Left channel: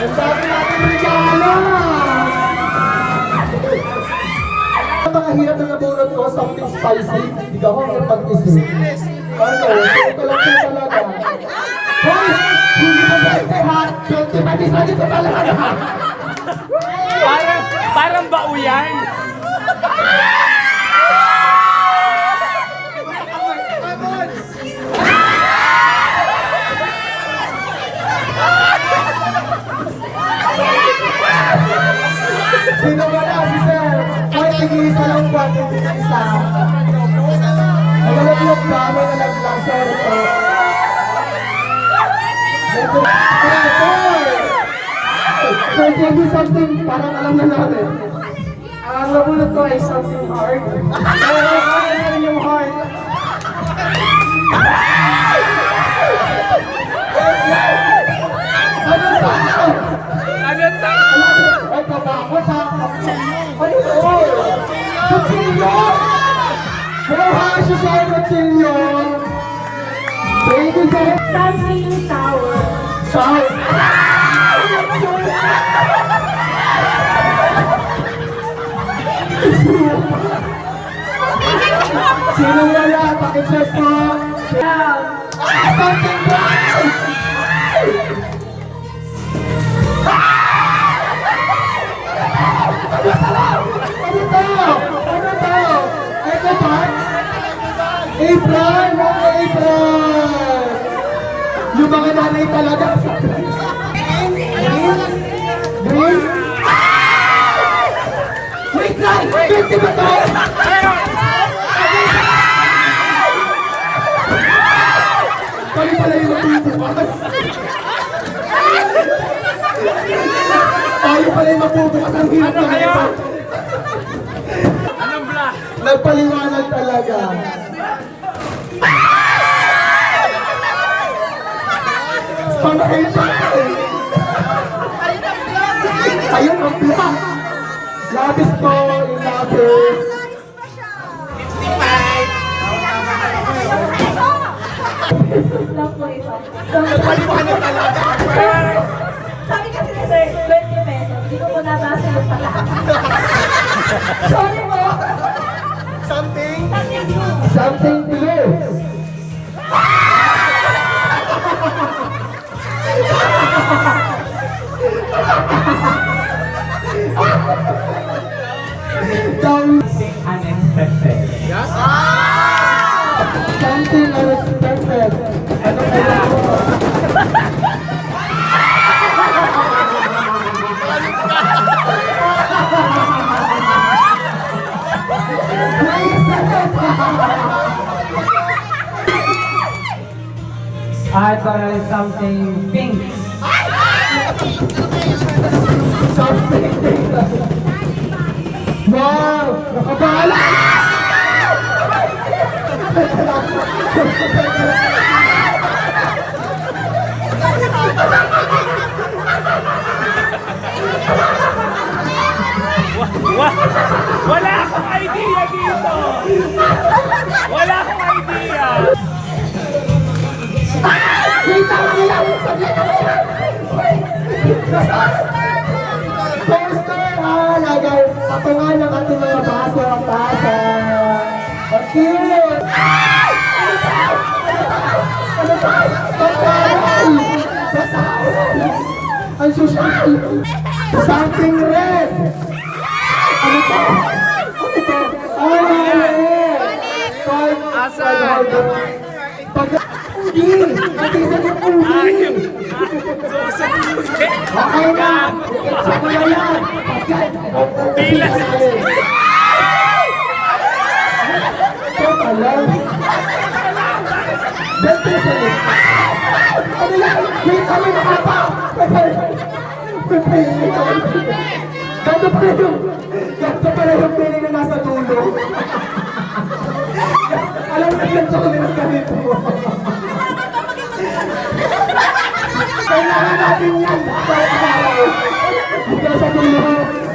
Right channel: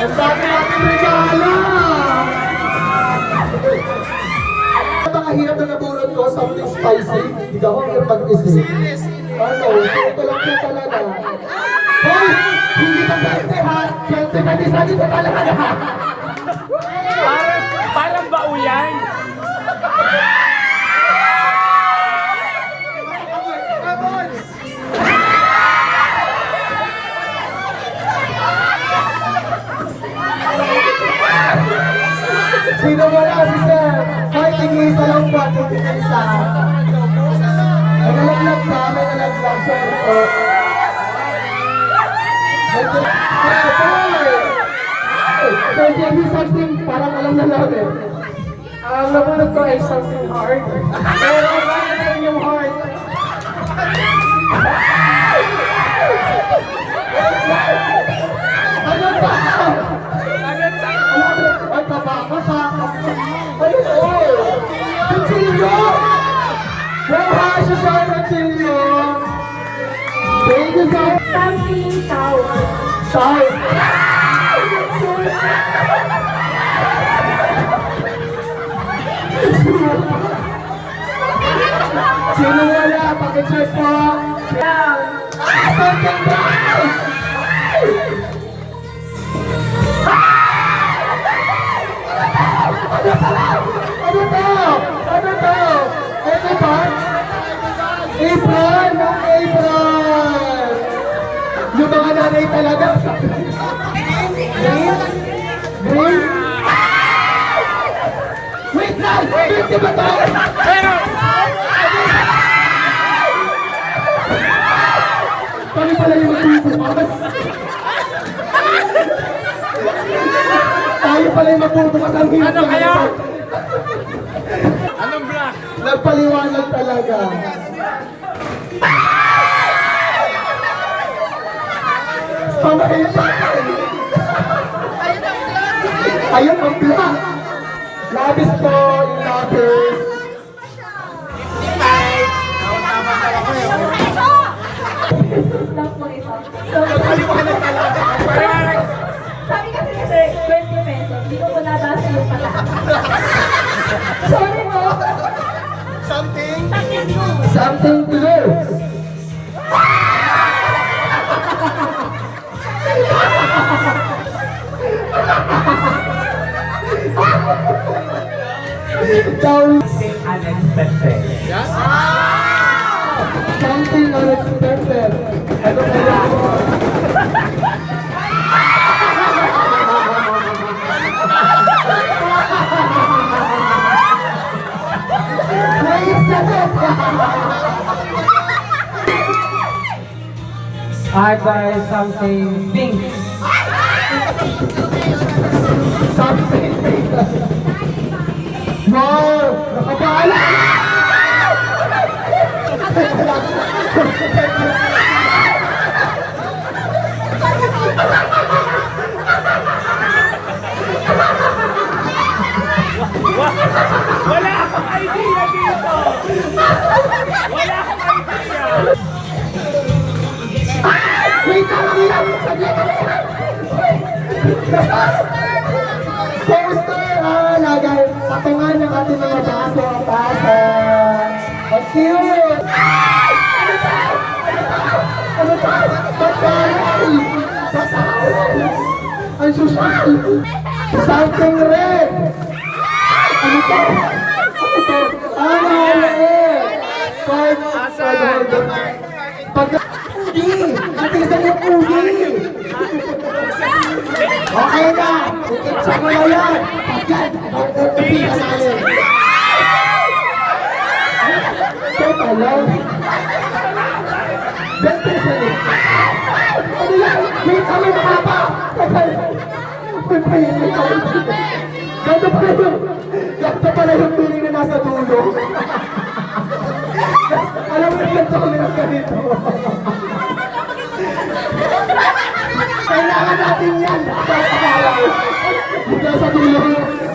Ang dami natin regalo! Ang mga hirap na nabunod ko, something spicy. Hindi ako ang pag-isip. Ano? Ito lang po talaga. Hoy! Hindi pa 20 ha! 20 pa din sa dito talaga na ha! Parang bauyan. Sino wala si Sir? Hoy, English na lang po. English na. Nalaglag na. May nalaglag. Sorry po. So, give me something parang alam na namin. Ang nabunod ko ay something hard. Pero ano yung hard? Ano ba? Ay, kabaka pa. Ano to? Kutsilyo! Buha siya siya ang kutsilyo! Thank you so much! Something sour. Sour! Sino wala? Pakicheck po! Something brown! Ano to? Ano to? Ito ba? Apron! Mga apron! Yung mga nanay talaga. Green? Green? Wait lang! Wait! Di ba tayo? Kami pala yung magbubukas. Tayo pala yung magbubukas ang hirap na ito. Anong black? Nagpaliwanag talaga. Ayun ang black. Labis po, yung labis. 55. Lang po ito. Nagpaliwanag talaga. Sabi kasi ni Sir, 20 pesos. Hindi ko nabasa yung pala. Sorry po. Something? Something blue. Something unexpected. Something unexpected. Ano kaya? I buy something pink. Something pink. Wow! Nakabala! Wala akong idea dito. Wala akong idea. Wait, tama na yan! Poster! Lagay patungan ng ating mga baso ang baso. Ang cute! Ano ba? Ano ba? Basahan! Basahan! Ang social! Something red! Ano ba? Ano ba? Red! Ubi! Natisan yung ubi! Okay na! Ikitsa mo na yan! Agad! Ito pala! Bente sa iyo! Ano yan? Wait kami mga pa! Ganto pala yung piling na nasa dulo! Alam mo yung ganto kami ng ganito! Kailangan natin yan! Nasa dulo!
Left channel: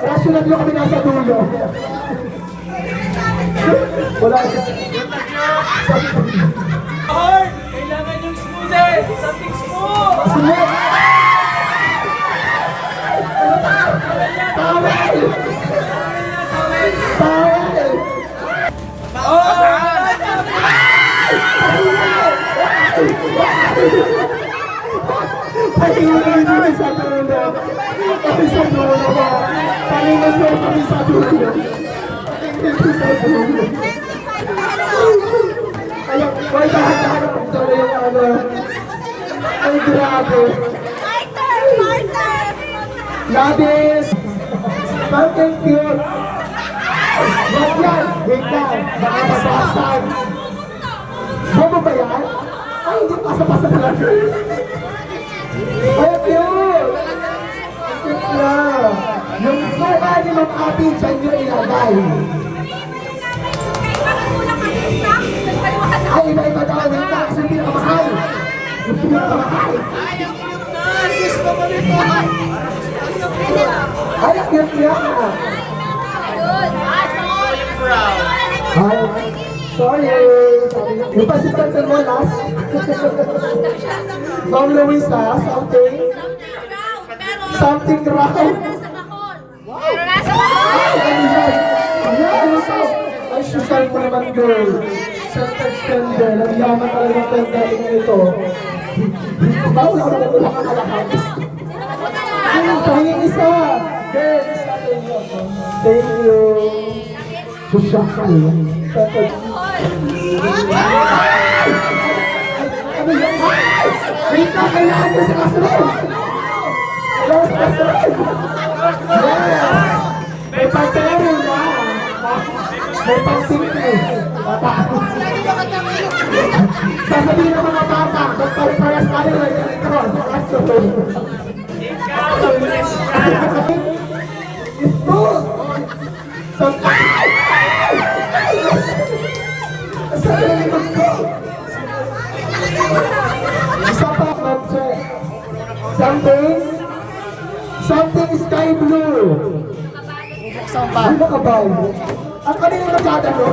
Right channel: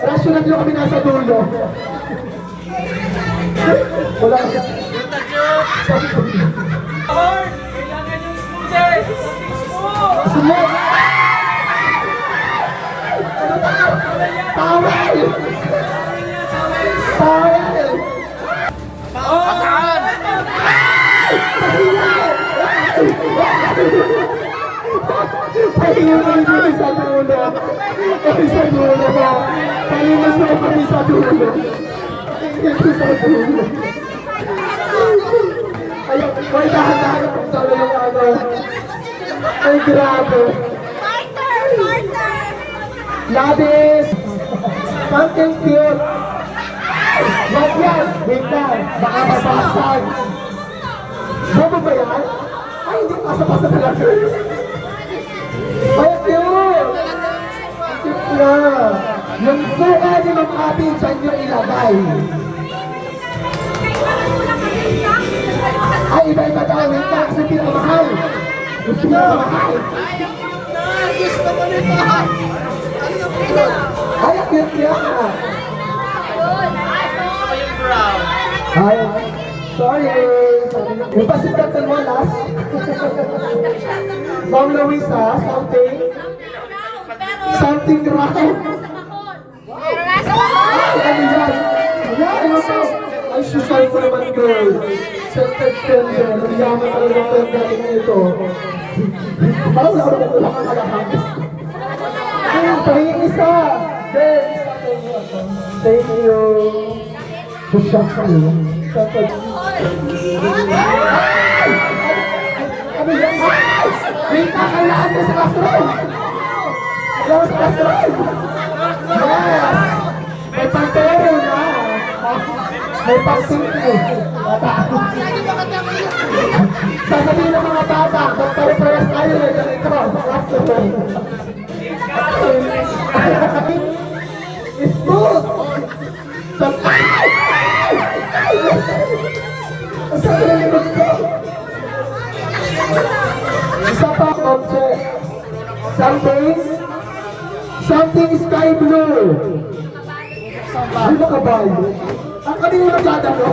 Rasyonal yung kami nasa dulo! Wala ka! Kailangan yung smoothie. Something smooth. Smooth! Ay, sa dulo. Ay, sa dulo ba? Palimas mo kami sa dulo. Ay, sa dulo. Ayun, may dahan-dahan ang talo yung ano. Ay, grabe. Labis! Something cute! Wag yan! Wait lang! Baka mabasan! Bobo ba yan? Ay, hindi pasa-pasa talaga. Ay, cute! Ang cute na! Yung suka ni Ma'am Ate, dyan nyo ilagay. Ay, iba-iba daw. Wait lang, kasi pinakamahal. Yung pinakamahal. Gusto ko nito! Ay, ang cute niya! Ay, sorry. Yung pasitantan mo last. Ma'am Luisa, something. Something raw. Pero nasa ako! Ay, ano yan? Ayan, ano to? Ay, social mo naman, girl. Scented candle. Ang yaman talaga ng candle nito. Bawal ako na kuha ka kalahati. Pahingin isa. Girl, isa kayo. Thank you. Social kayo. Scented. Ano yan? Wait na, kailangan ko sa classroom. Hello, sa classroom. Yes. May pantero na. May pantero. Sasabihin ng mga bata, magpare-press tayo na ganito sa classroom. Smooth. Sabi ng likod ko. Isa pa object. Something sky blue. Ay, nakabalo. Ang kami na nagdadalo.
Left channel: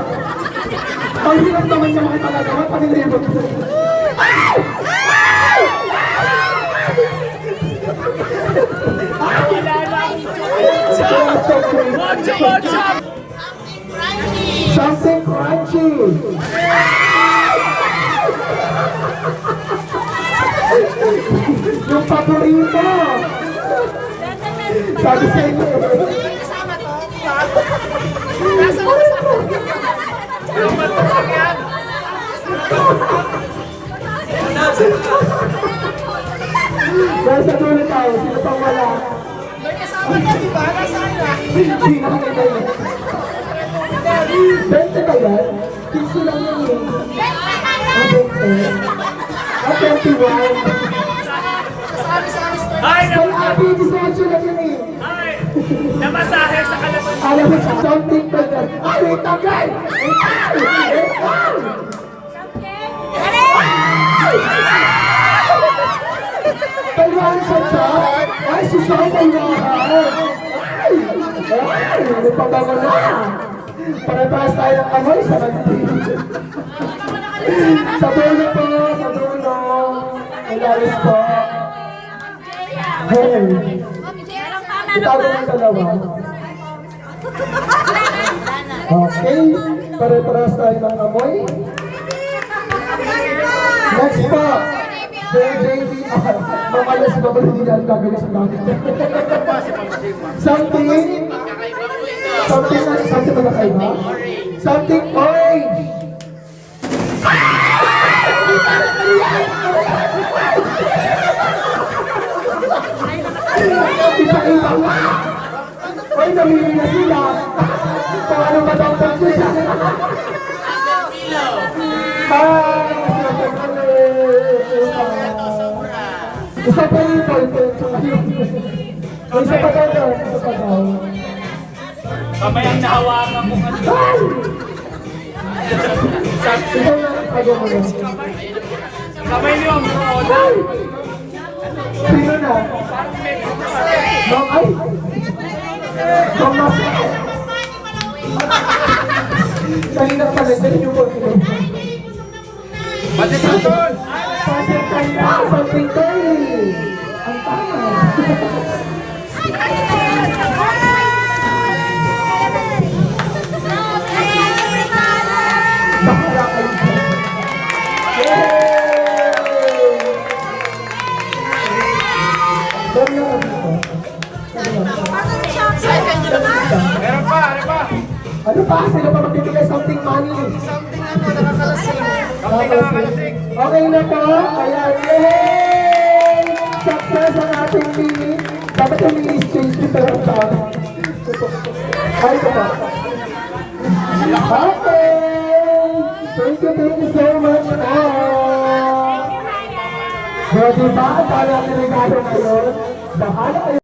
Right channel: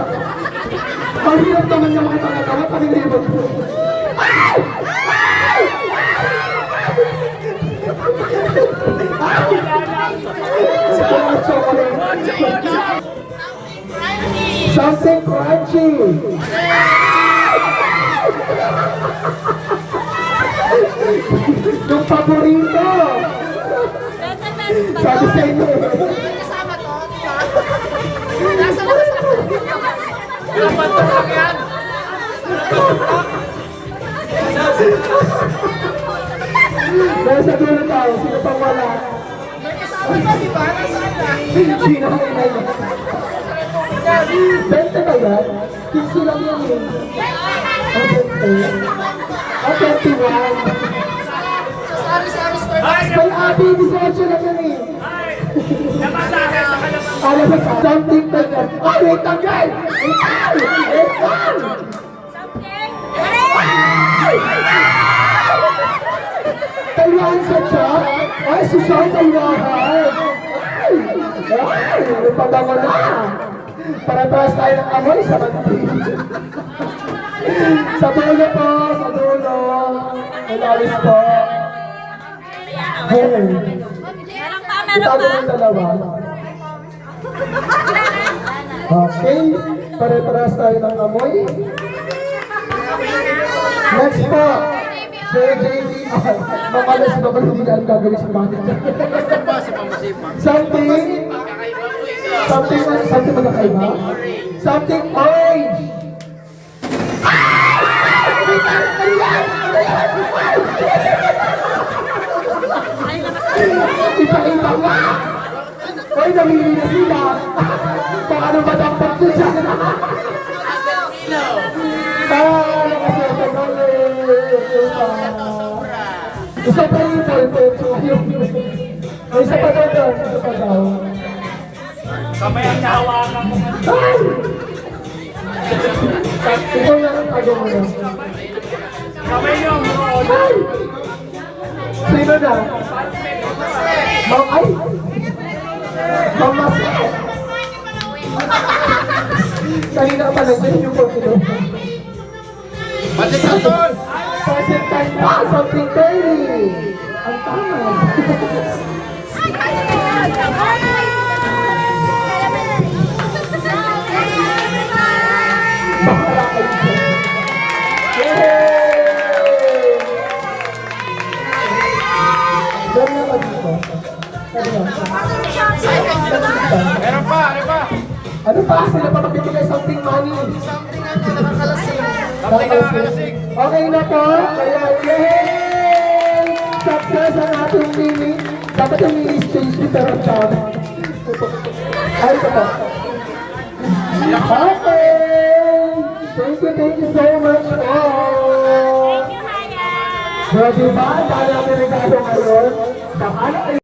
Ang hirap naman niya makitangagawa. Kami na yung ay! Something crunchy. Yung paborito. Sabi sa inyo. Kasama to? Nasa na kasama? Dapat to lang yan? Nasa dulo tayo. Sino pang wala? May kasama to, di ba? Nasaan na? Sino ang ina yun? 20 ba yan? 15 lang yun eh. Ang 20. Ang 21. Sorry. May abi, 18 lang yun eh. Namasahe sa kalaman. Alam mo sa something like that. Ay, wait lang yan! Wait lang! Tayuan sa chat? Ay, si Sean tayuan! Ay! Ay! May pagdama na! Para-paras tayo ng amoy sa mantin. Sa dulo po! Sa dulo! Malaris po! Hey! Itago ng dalawa. Okay, pare-paras tayo ng amoy. Next po, JJD. Mamalas pa ba hindi na ang gagawin sa gamit? Something magkakaiba? Something orange. Ipakita mo! Ay, namili na sila! Paano ba daw pagsusa? Isa pa rin po ito. Isa pa daw. Isa pa daw. Pamayang nahawakan mo nga. Ay! Ikaw na rin pag mo yan. Pamay niyo ang mga order. Ay! Sino na? Ma'am, ay! Ma'am Masay! Kanina ka pala, dyan yung photo. Pati ka doon! Something kind na, something curly. Ang tama. Bahala kayo dyan. Yay! Meron pa, ano pa? Ano pa? Sila pa magbibigay something money. Something ano, nakakalasing. Nakakalasing. Okay na po. Kaya, yay! Success ang ating mini. Dapat yung mini stage dito ang sabi. Ay, ito po. Okay! Thank you so much all! So, diba? Kaya ang regalo ngayon, bahala kayo.